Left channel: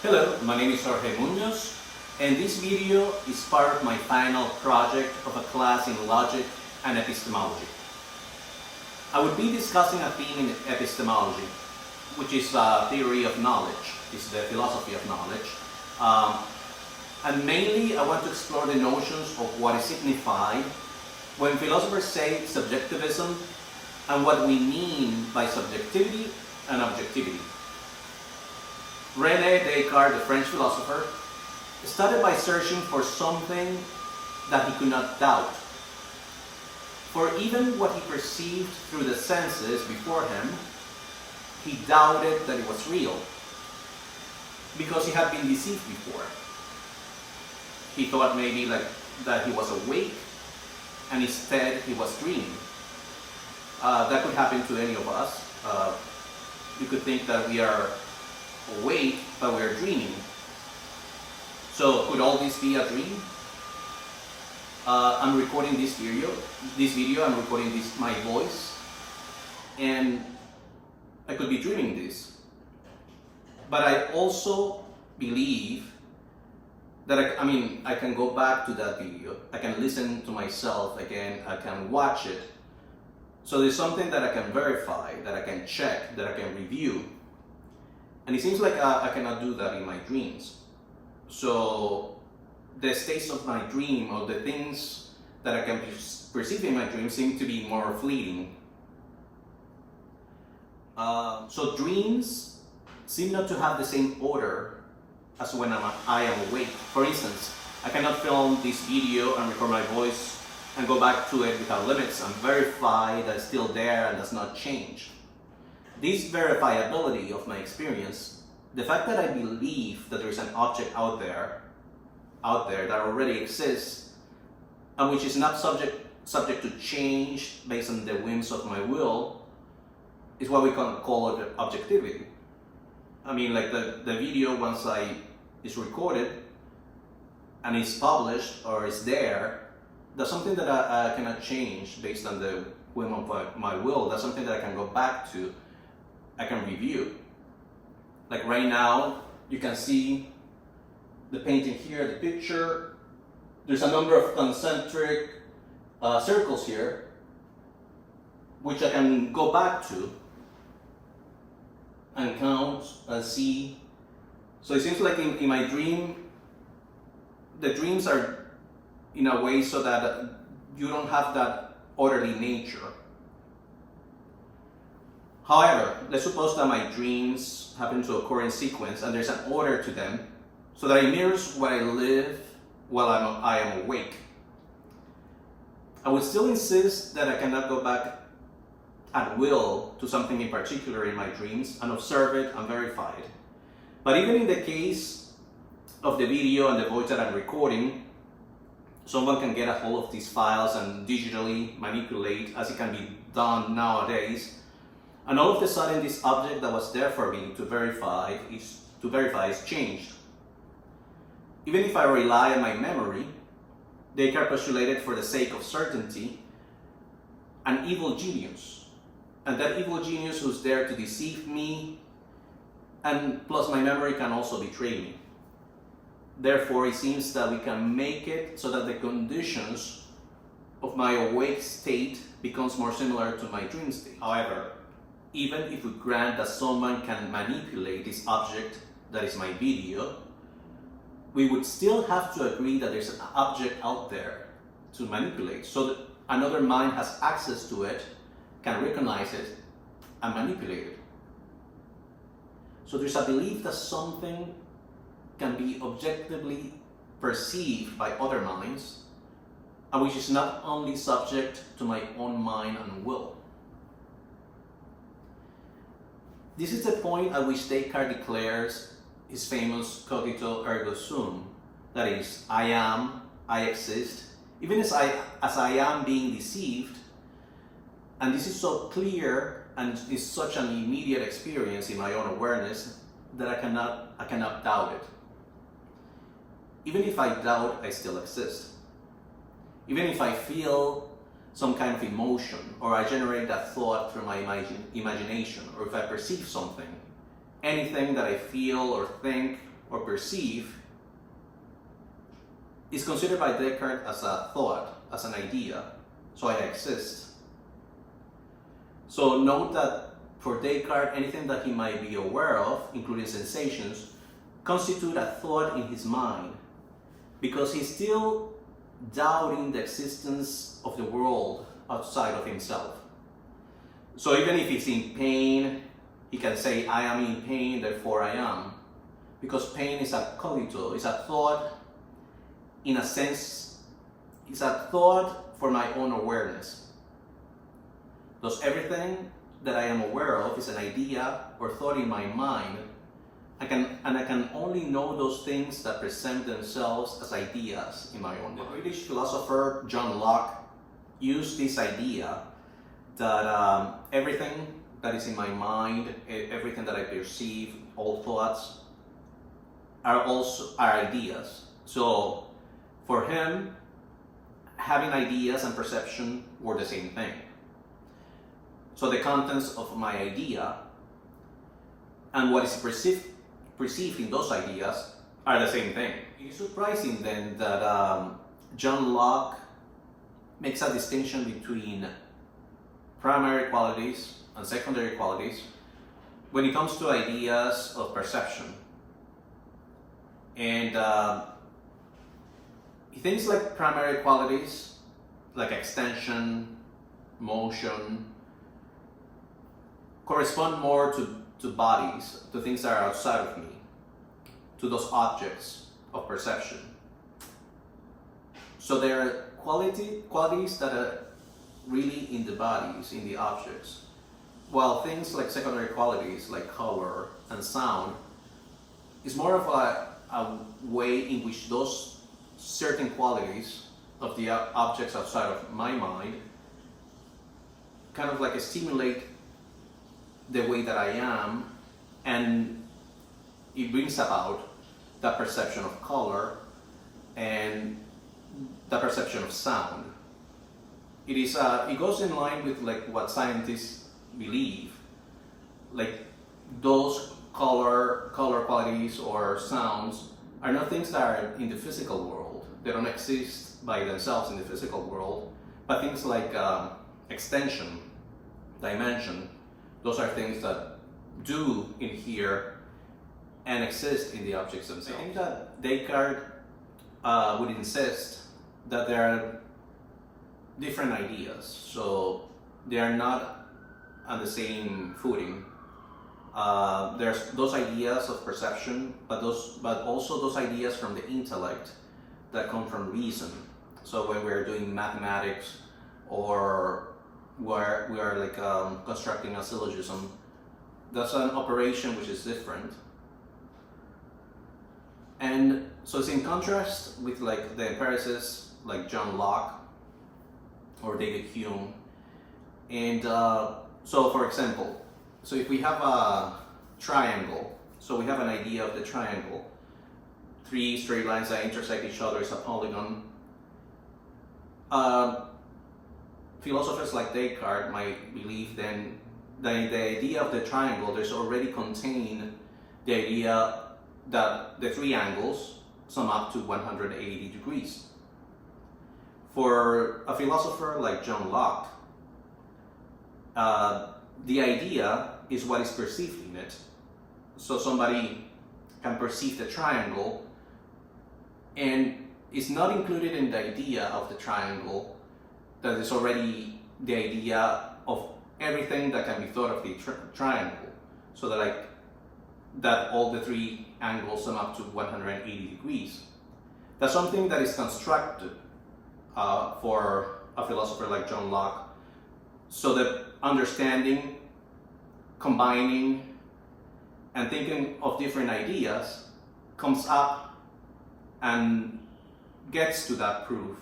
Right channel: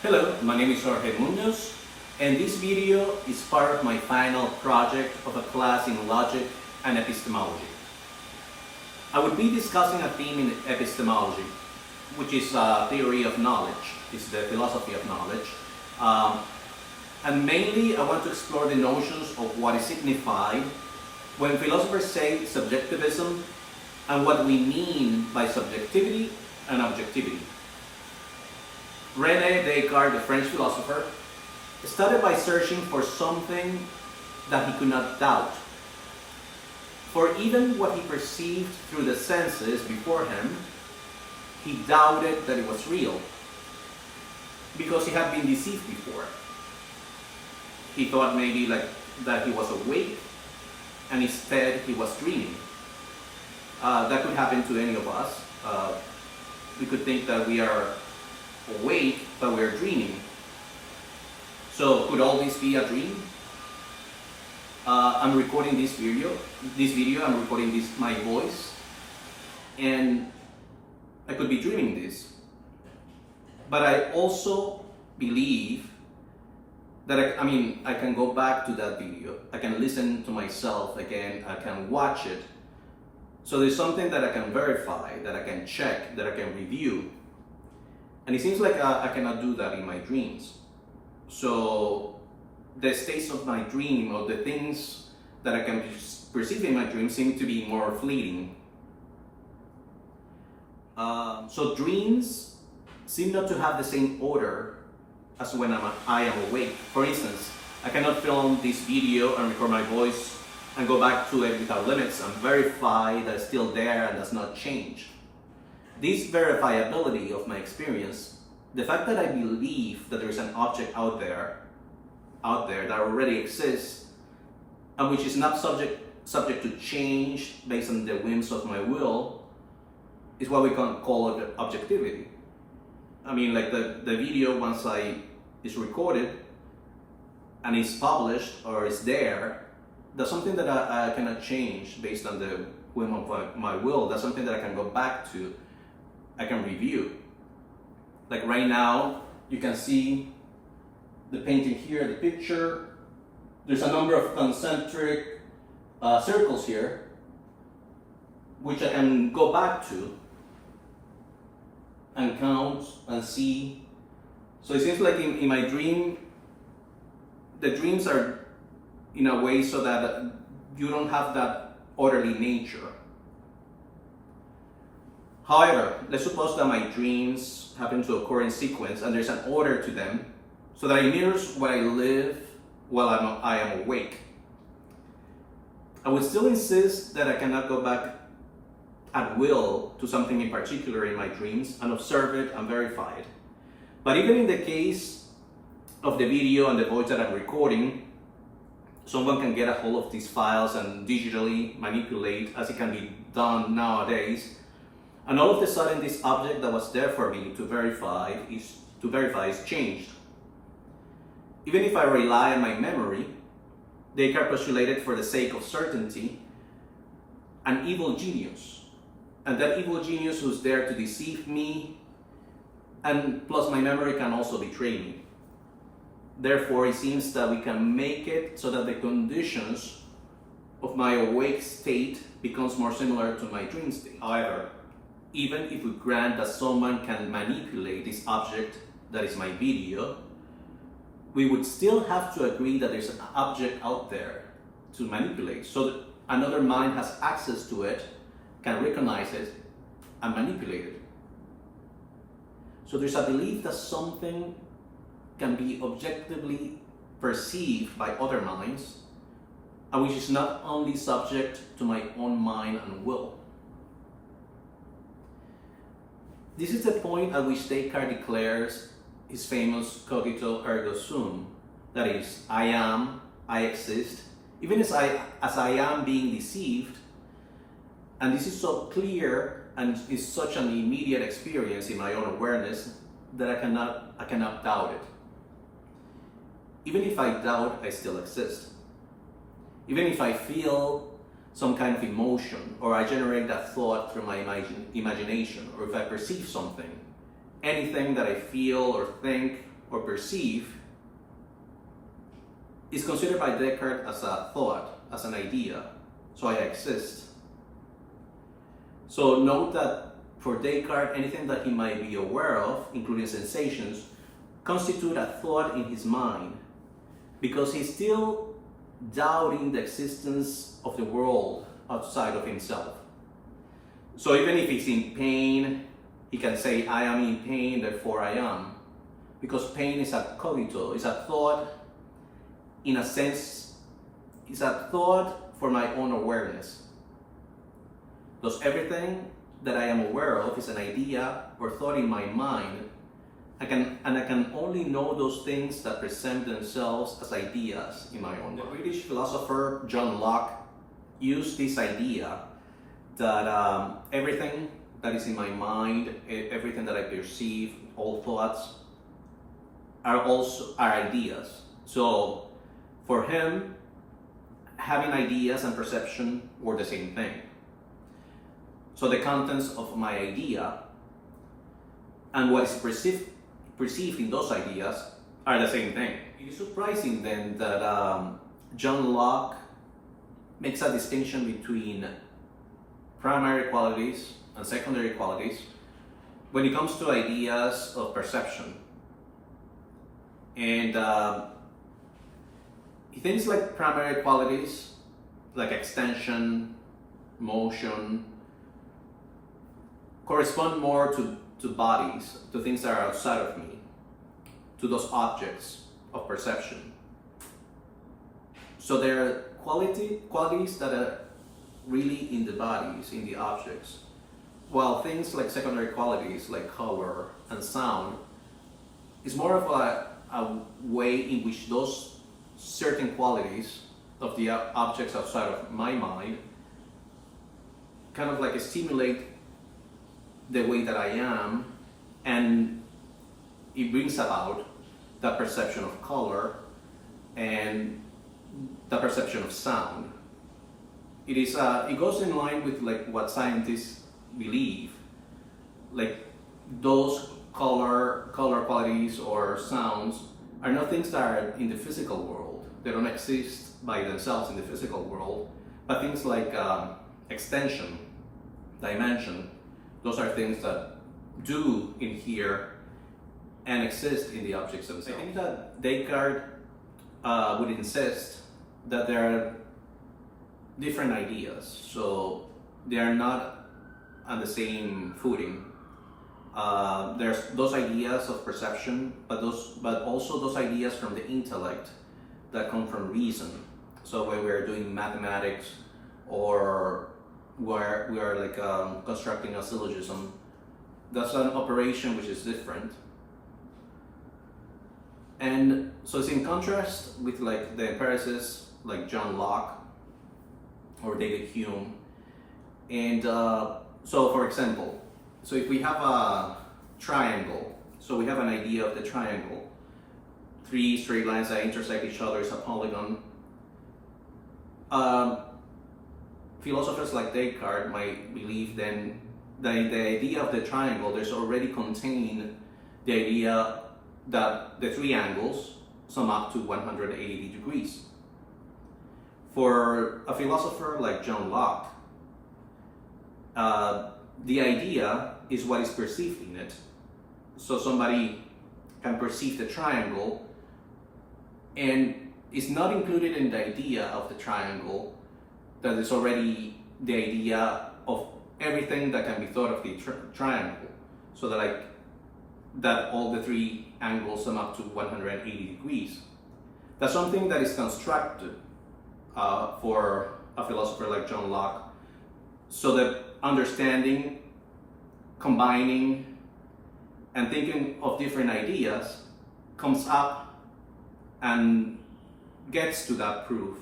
Hello, my name is Jorge Munoz, and this video is part of my final project of a class in logic and epistemology. I would be discussing a theme in epistemology, which is theory of knowledge, is the philosophy of knowledge. And mainly I want to explore the notions of what is signified when philosophers say subjectivism and what we mean by subjectivity and objectivity. René Descartes, the French philosopher, started by searching for something that he could not doubt. For even what he perceived through the senses before him, he doubted that it was real, because he had been deceived before. He thought maybe that he was awake, and instead he was dreaming. That could happen to any of us. We could think that we are awake, but we're dreaming. So could all this be a dream? I'm recording this video, I'm recording my voice, and I could be dreaming this. But I also believe that I can go back to that video, I can listen to myself again, I can watch it. So there's something that I can verify, that I can check, that I can review. And it seems like I cannot do that in my dreams. So the states of my dream, or the things that I can perceive in my dream, seem to be more fleeting. So dreams seem not to have the same order as when I am awake. For instance, I cannot film this video and record my voice and go back to it without limits and verify that it's still there and does not change. This verifiability of my experience, the fact that I believe that there is an object out there that already exists and which is not subject to change based on the whims of my will, is what we can call objectivity. Like the video, once it's recorded and it's published or it's there, that's something that I cannot change based on the whim of my will. That's something that I can go back to, I can review. Like right now, you can see the painting here, the picture. There's a number of concentric circles here, which I can go back to and count and see. So it seems like in my dream, the dreams are in a way so that you don't have that orderly nature. However, let's suppose that my dreams happen to occur in sequence and there's an order to them, so that it mirrors what I live while I am awake. I would still insist that I cannot go back at will to something in particular in my dreams and observe it and verify it. But even in the case of the video and the voice that I'm recording, someone can get a hold of these files and digitally manipulate, as it can be done nowadays. And all of a sudden, this object that was there for me to verify is changed. Even if I rely on my memory, Descartes postulated, for the sake of certainty, an evil genius. And that evil genius who's there to deceive me, and plus my memory can also betray me. Therefore, it seems that we can make it so that the conditions of my awake state becomes more similar to my dream state. However, even if we grant that someone can manipulate this object that is my video, we would still have to agree that there's an object out there to manipulate, so that another mind has access to it, can recognize it, and manipulate it. So there's a belief that something can be objectively perceived by other minds, and which is not only subject to my own mind and will. This is the point at which Descartes declares his famous cogito ergo sum, that is, I am, I exist, even as I am being deceived. And this is so clear and is such an immediate experience in my own awareness that I cannot doubt it. Even if I doubt, I still exist. Even if I feel some kind of emotion, or I generate that thought through my imagination, or if I perceive something, anything that I feel or think or perceive is considered by Descartes as a thought, as an idea. So I exist. So note that for Descartes, anything that he might be aware of, including sensations, constitute a thought in his mind, because he's still doubting the existence of the world outside of himself. So even if he's in pain, he can say, I am in pain, therefore I am. Because pain is a cogito, it's a thought, in a sense, it's a thought for my own awareness. Thus everything that I am aware of is an idea or thought in my mind. I can only know those things that present themselves as ideas in my own mind. The British philosopher John Locke used this idea that everything that is in my mind, everything that I perceive, all thoughts, are ideas. So for him, having ideas and perception were the same thing. So the contents of my idea and what is perceived in those ideas are the same thing. It is surprising then that John Locke makes a distinction between primary qualities and secondary qualities when it comes to ideas of perception. And he thinks like primary qualities, like extension, motion, correspond more to bodies, to things that are outside of me, to those objects of perception. So there are qualities that are really in the bodies, in the objects, while things like secondary qualities like color and sound is more of a way in which those certain qualities of the objects outside of my mind kind of like stimulate the way that I am, and it brings about the perception of color and the perception of sound. It goes in line with like what scientists believe, like those color qualities or sounds are not things that are in the physical world. They don't exist by themselves in the physical world, but things like extension, dimension, those are things that do inhere and exist in the objects themselves. I think that Descartes would insist that there are different ideas, so they are not on the same footing. There's those ideas of perception, but also those ideas from the intellect that come from reason. So when we're doing mathematics or we are like constructing a syllogism, that's an operation which is different. And so it's in contrast with like the empiricists like John Locke or David Hume. And so for example, so if we have a triangle, so we have an idea of the triangle, three straight lines that intersect each other is a polygon. Philosophers like Descartes might believe then that in the idea of the triangle there's already contained the idea that the three angles sum up to 180 degrees. For a philosopher like John Locke, the idea is what is perceived in it. So somebody can perceive the triangle and it's not included in the idea of the triangle that is already the idea of everything that can be thought of the triangle. So that all the three angles sum up to 180 degrees. That's something that is constructed for a philosopher like John Locke, so that understanding, combining, and thinking of different ideas comes up and gets to that proof.